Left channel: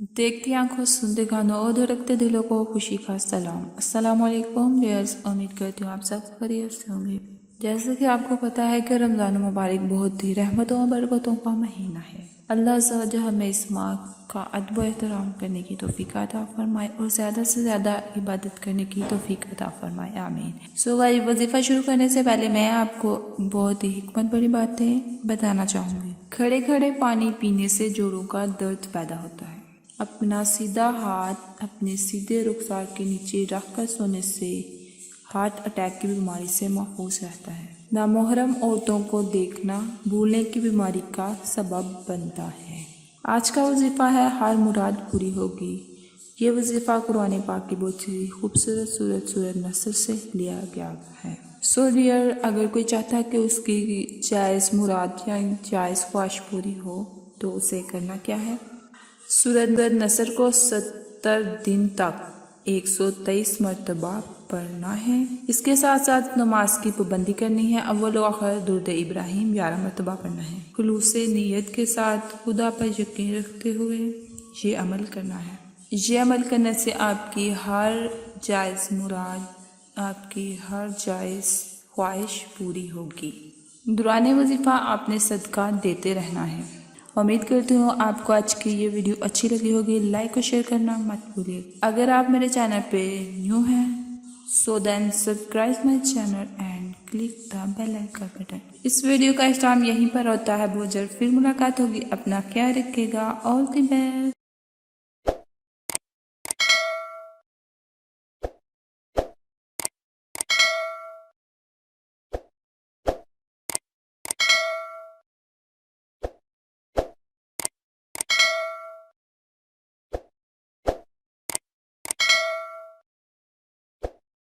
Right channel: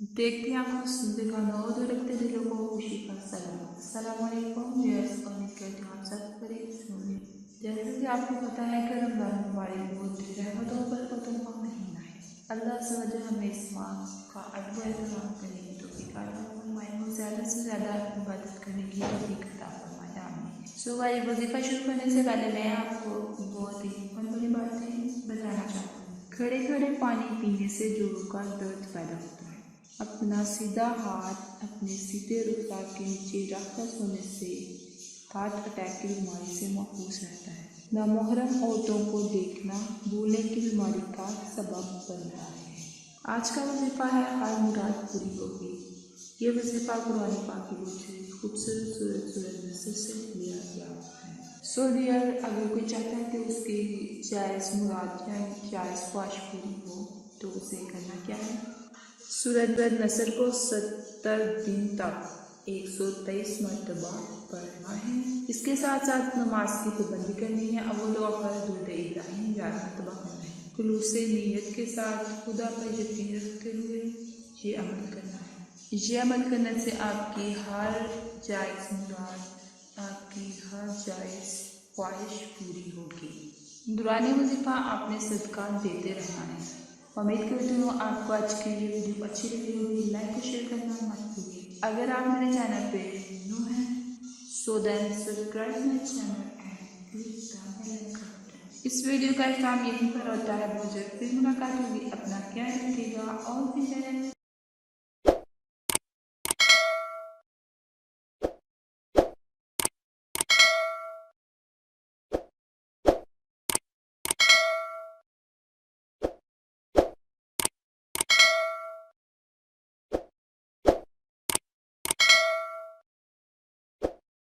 देखती आंखों, सुनते कानों और धड़कते दिलों को खुशी का सलाम। अस्सलाम वालेकुम व्यूअर्स, उम्मीद करती हूँ आप सब खैरियत से होंगे। जैसे कि आपको पता है कि रमज़ान मुबारक बहुत ही रहमतों और बरकतों का महीना है। अल्लाह सवज हमें इस माह का अदब एहतराम करने की तौफीक अता फरमाए और ज़्यादा से ज़्यादा इबादत करने की तौफीक अता फरमाए, आमीन। सो गाइस, वजीफ़ा शुरू करने से पहले मैं आपको बहुत ही हिकमत बड़ी बातें बताना चाहूँगी। खड़े खड़े पानी पीने से जोड़ों का दर्द पैदा होता है। अपना सीधा हाथ अपने सीधे रुखसार के नीचे रखकर सोने से हार्ट अटैक की बीमारी से महफूज रहता है। नामुहर्रम औरतों को देखना भूलने की बीमारी का सबब बनता है। आज का वजीफ़ा है हर मुराद पूरी होगी। ये वजीफ़ा कुरान पाक की बहुत सी खूबसूरत सूरत नसर से लिया गया है। सो डियर, अगर कोई चाहता है कि उसकी जायज़ मुराद या जायज़ ख्वाहिश पूरी हो तो उसे करना क्या है? सूरत नसर को 70 दिन तक 123 मरतबा पढ़ना है। इसके साथ साथ नमाज की पाबंदी करनी है। अव्वल व आखिर दुरूद इब्राहिम 11 मरतबा पढ़ना है। खुलूसे नीयत के साथ खुदा पर यकीन रखते हुए ये अमल करना है। ये अमल करने से आपकी हर जायज़ मुराद, आपकी हर जायज़ ख्वाहिश पूरी होगी। दुराने वजीफ़ा आपने सदका देते रहना है। उम्मीद करती हूँ आपको आज की ये वीडियो अच्छी लगी होगी। लाइक और शेयर करना मत भूलिए। अगर आप मेरे चैनल पे न्यू हैं so then subscribe my channel and click the bell icon button. इस वीडियो का इख्तिताम यहीं पर होता है। बहुत जल्द फिर मुलाकात होगी। अपना ख्याल रखिएगा। All the best.